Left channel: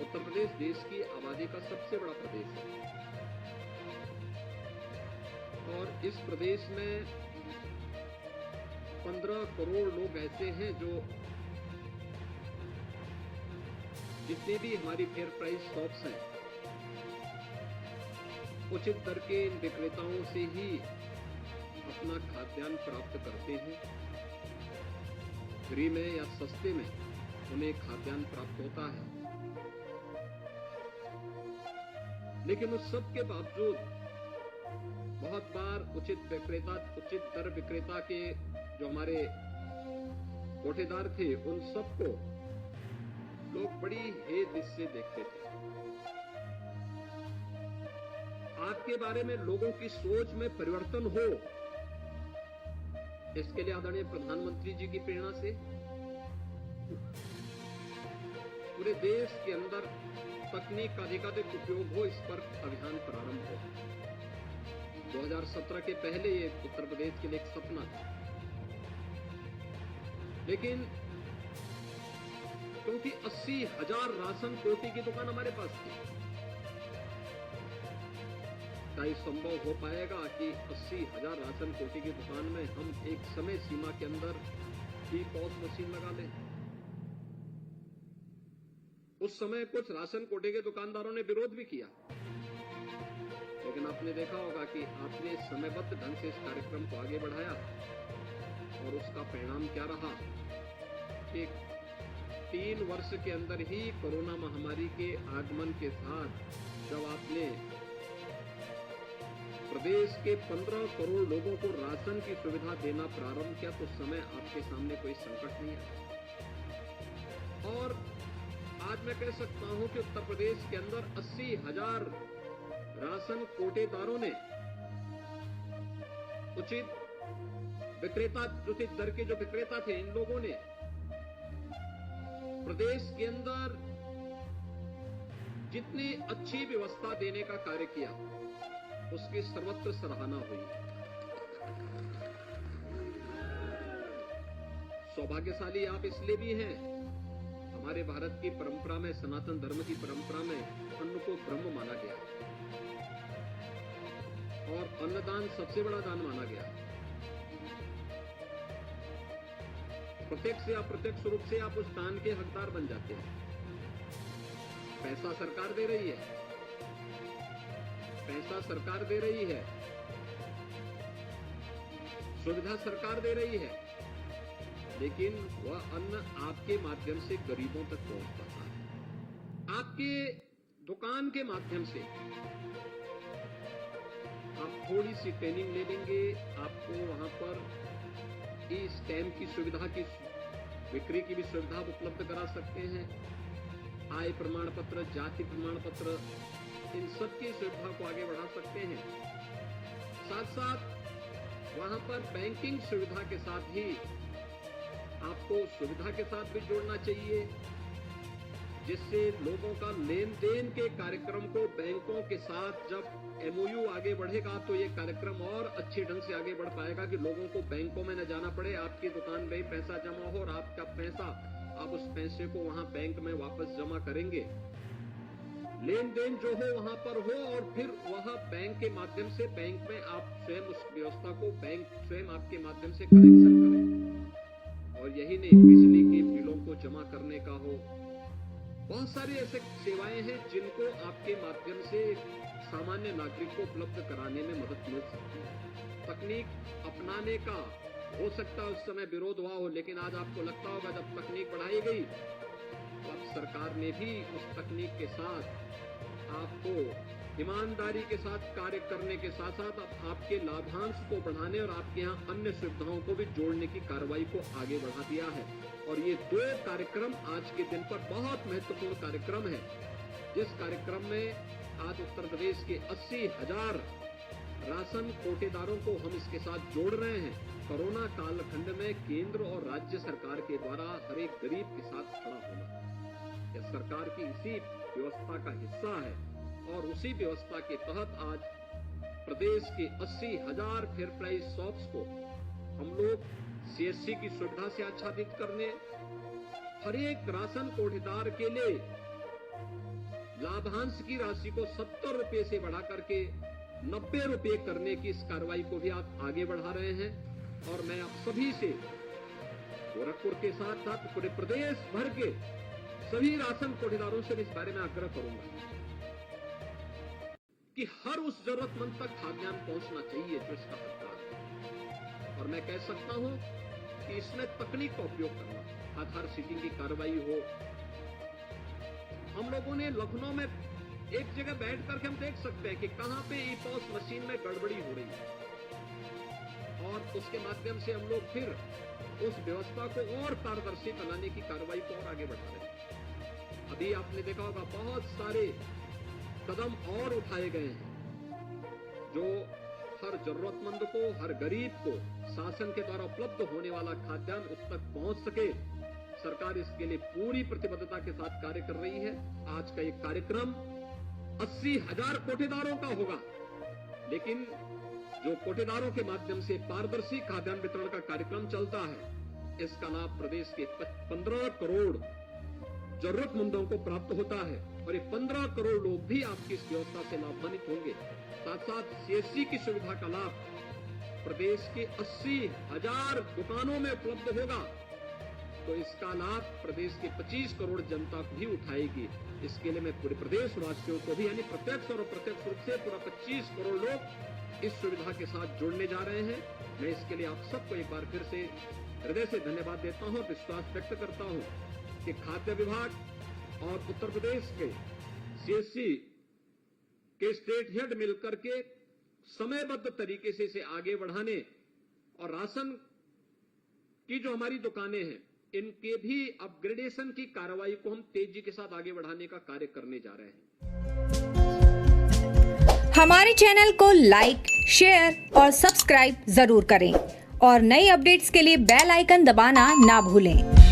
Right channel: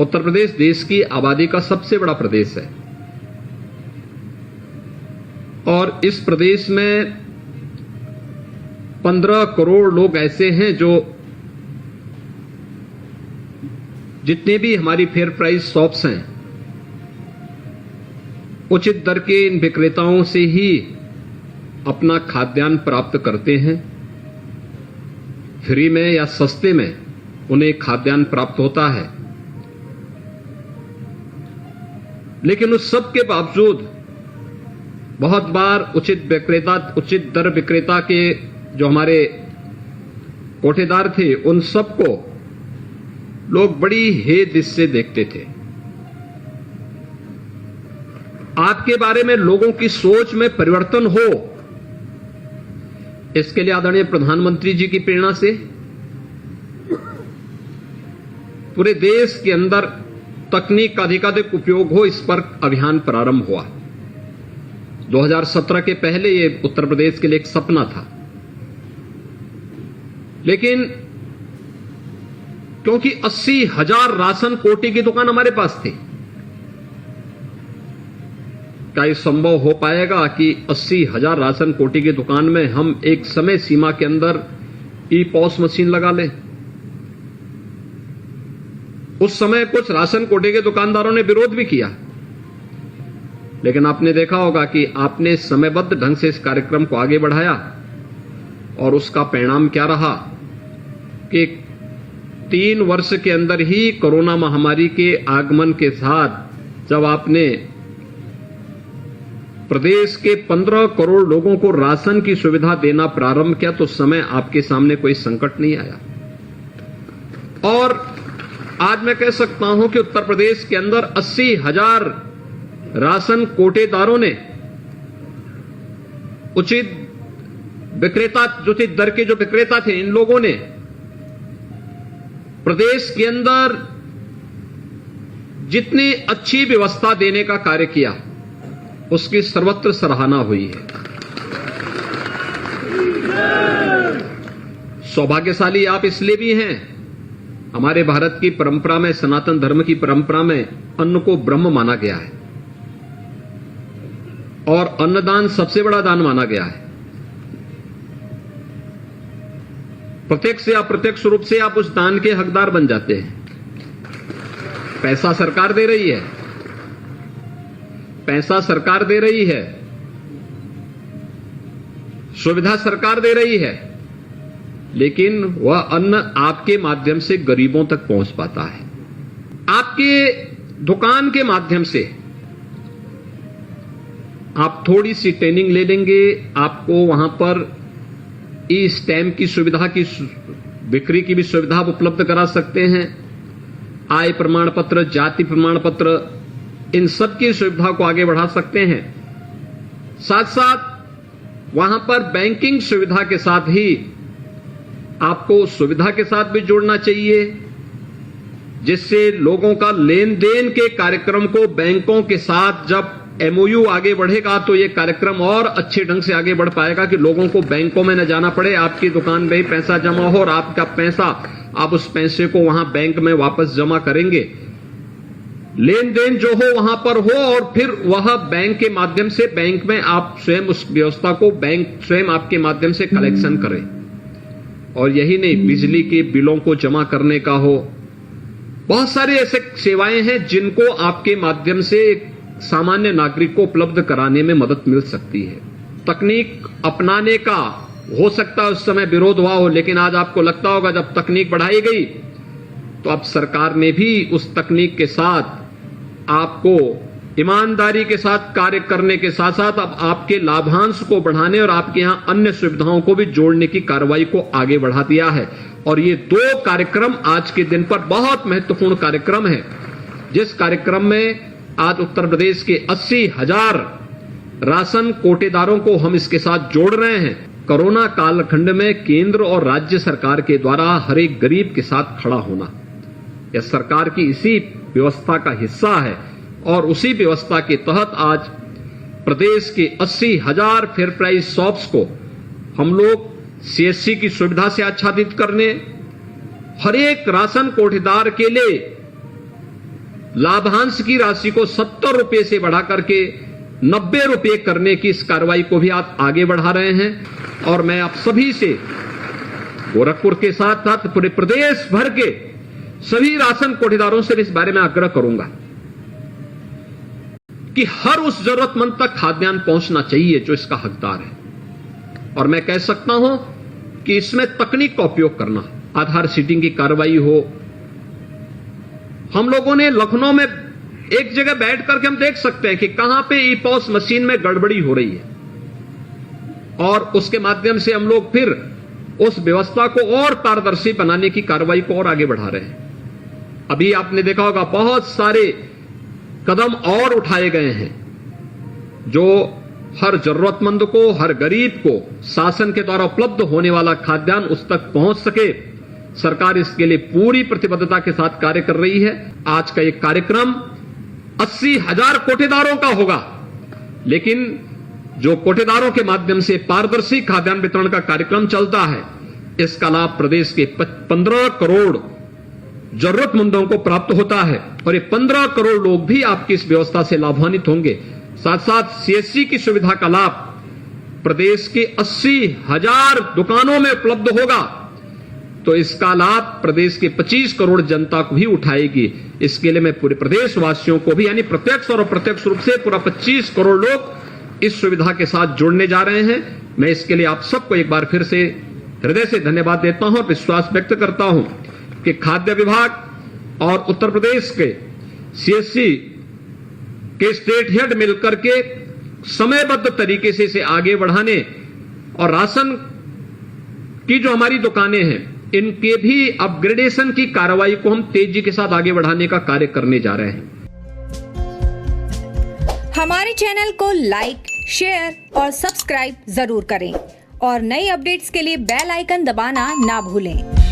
उत्तर प्रदेश देश की आबादी का सबसे बड़ा प्रदेश है और इस प्रदेश में 15 करोड़ लोग ऐसे हैं जो जितने भी हमारी फेयर प्राइस शॉप्स हैं उचित दर के इन विक्रेताओं से ही अपना खाद्यान्न प्राप्त करते हैं। फ्री में या सस्ते में उन्हें खाद्यान्न प्राप्त होता है, लेकिन उस सब के बावजूद बहुत बार उचित दर विक्रेता के जो हमारे कोटेदार थे उन सबको लोग बड़ी हेद से देखते थे। आपके बारे में लोगों की सोच में परिवर्तन हो, इसके लिए आदरणीय प्रधानमंत्री जी की प्रेरणा से पूरे देश के अंदर तकनीक का अधिकाधिक उपयोग हो, इस पर अभियान प्रारंभ हुआ। 2017 के पहले ये उत्तर प्रदेश के लिए एक सपना था, लेकिन क्योंकि 80,000 राशन कोटे की दुकान हमारे पास थी, क्या यह संभव हो पाएगा कि 80,000 राशन कोटे की दुकान में हम एक समय सीमा के अंदर ई-पॉस मशीन लगा लें? उस समय कुछ राशन कोटे के दुकानदारों ने विरोध भी किया, लेकिन आपने देखा होगा कि आपने समयबद्ध ढंग से इस कार्यक्रम को आगे बढ़ाया और उसका परिणाम क्या रहा कि 3 वर्ष के अंदर ही कोरोना महामारी के आगमन के साथ जब आपने प्रदेश के 15 करोड़ लोगों को राशन की सुविधा देना प्रारंभ किया तो उस समय आपके सामने कोई संकट नहीं आया। और आज मैं कह सकता हूं कि उत्तर प्रदेश के अंदर 80,000 राशन कोटेदारों ने उचित दर के जो विक्रेता थे, इन लोगों ने प्रदेश के अंदर जितनी अच्छी व्यवस्था देने का कार्य किया उसकी सर्वत्र सराहना हुई है। सौभाग्यशाली आप इसलिए भी हैं, हमारे भारत की परंपरा में, सनातन धर्म की परंपरा में अन्न को ब्रह्म माना गया है और अन्नदान सबसे बड़ा दान माना गया है। प्रत्यक्ष या अप्रत्यक्ष रूप से आप उस दान के हकदार बन जाते हैं। पैसा सरकार दे रही है, पैसा सरकार दे रही है, सुविधा सरकार दे रही है, लेकिन वह अन्न आपके माध्यम से गरीबों तक पहुंच पाता है। आपके दुकान के माध्यम से आप थोड़ी सी ट्रेनिंग ले लेंगे, आपको वहां पर ई स्टैम्प की सुविधा की बिक्री की भी सुविधा उपलब्ध करा सकते हैं। आय प्रमाण पत्र, जाति प्रमाण पत्र, इन सब की सुविधा को आगे बढ़ा सकते हैं। साथ साथ वहां पर बैंकिंग सुविधा के साथ ही आपको सुविधा के साथ भी जोड़ना चाहिए, जिससे लोगों का लेन देन के कार्यक्रम को बैंकों के साथ जब MOU आगे बढ़ेगा तो ये कार्यक्रम और अच्छे ढंग से आगे बढ़ पाएगा कि लोगों को बैंकों में न जाना पड़े, आपकी दुकान में ही पैसा जमा हो और आपका पैसा, आप उस पैसे को वहां बैंक में वापस जमा करेंगे, लेन देन जो हो वहां पर हो और फिर वह बैंक के माध्यम से बैंक में आप स्वयं उस व्यवस्था को बैंक स्वयं आपके माध्यम से कलेक्शन करें। और यही नहीं, बिजली के बिलों को जमा करने का हो, बहुत सारी ऐसे सेवाएं हैं जिनको आपके माध्यम से सामान्य नागरिक को उपलब्ध कराने में मदद मिल सकती है। तकनीक अपनाने का हो सकता है उस समय विरोध हुआ हो, लेकिन आज आपको लगता होगा जब तकनीक बढ़ाई गई तो अब सरकार ने भी उस तकनीक के साथ आपको ईमानदारी के साथ कार्य करने के साथ साथ अब आपके लाभांश को बढ़ाने और आपके यहां अन्य सुविधाओं को भी जोड़ने की कार्रवाई को आगे बढ़ा दिया है। और ये 2 कार्यक्रम आज के दिन पर बहुत महत्वपूर्ण कार्यक्रम है, जिस कार्यक्रम में आज उत्तर प्रदेश के 80,000 राशन कोटेदारों को हम इसके साथ जोड़ रहे हैं। कोरोना कालखंड में केंद्र और राज्य सरकार के द्वारा हर एक गरीब के साथ खड़ा होना, यह सरकार की इसी व्यवस्था का हिस्सा है और उसी व्यवस्था के तहत आज प्रदेश के 80,000 फेयर प्राइस शॉप्स को हम लोग CSC की सुविधा से आच्छादित करने, हर एक राशन कोटेदार के लिए लाभांश की राशि को 70 रुपए से बढ़ा करके 90 रुपए करने की इस कार्रवाई को भी आप आगे बढ़ा रहे हैं। और मैं आप सभी से गोरखपुर के साथ साथ पूरे प्रदेश भर के सभी राशन कोटेदारों से इस बारे में आग्रह करूंगा कि हर उस जरूरतमंद तक खाद्यान्न पहुंचना चाहिए जो इसका हकदार है। और मैं कह सकता हूं कि इसमें तकनीक का उपयोग करना, आधार सीडिंग की कार्रवाई हो। हम लोगों ने लखनऊ में एक जगह बैठ करके हम देख सकते हैं कि कहां पे ई-पॉस मशीन में गड़बड़ी हो रही है, और उसके माध्यम से हम लोग फिर उस व्यवस्था को और पारदर्शी बनाने की कार्रवाई को और आगे बढ़ा रहे हैं। अभी आपने देखा होगा बहुत सारे कदम और उठाए गए हैं जो हर जरूरतमंद को, हर गरीब को शासन के द्वारा उपलब्ध होने वाला खाद्यान्न उस तक पहुंच सके। सरकार इसके लिए पूरी प्रतिबद्धता के साथ कार्य कर रही है। आज का एक कार्यक्रम 80,000 कोटेदारों का होगा, लेकिन जो कोटेदारों के माध्यम से पारदर्शी खाद्यान्न वितरण का कार्यक्रम चलता है, इसका लाभ प्रदेश के 15 करोड़ जरूरतमंदों को प्राप्त होता है। और ये 15 करोड़ लोग भी आपकी इस व्यवस्था से लाभान्वित होंगे। साथ साथ सीएससी की सुविधा का लाभ प्रदेश के 80,000 दुकानों में उपलब्ध होगा, तो इसका लाभ प्रदेश के 25 करोड़ जनता को भी उठाएगी। इसके लिए मैं पूरे प्रदेश वासियों को भी, यानी प्रत्यक्ष और अप्रत्यक्ष रूप से पूरा 25 करोड़ लोग इस सुविधा के साथ जुड़ने जा रहे हैं। मैं इसके लिए आप सबको एक बार फिर से हृदय से धन्यवाद देता हूं और विश्वास व्यक्त करता हूं कि खाद्य विभाग और उत्तर प्रदेश के सीएससी के स्टेट हेड मिलकर के समयबद्ध तरीके से इसे आगे बढ़ाने और राशन की जो हमारी दुकानें हैं इनके भी अपग्रेडेशन की कार्रवाई को हम तेजी के साथ आगे बढ़ाने का कार्य करने जा रहे हैं। हमारे चैनल को लाइक, शेयर और सब्सक्राइब जरूर करें और नई अपडेट्स के लिए बेल आइकन दबाना ना भूलें।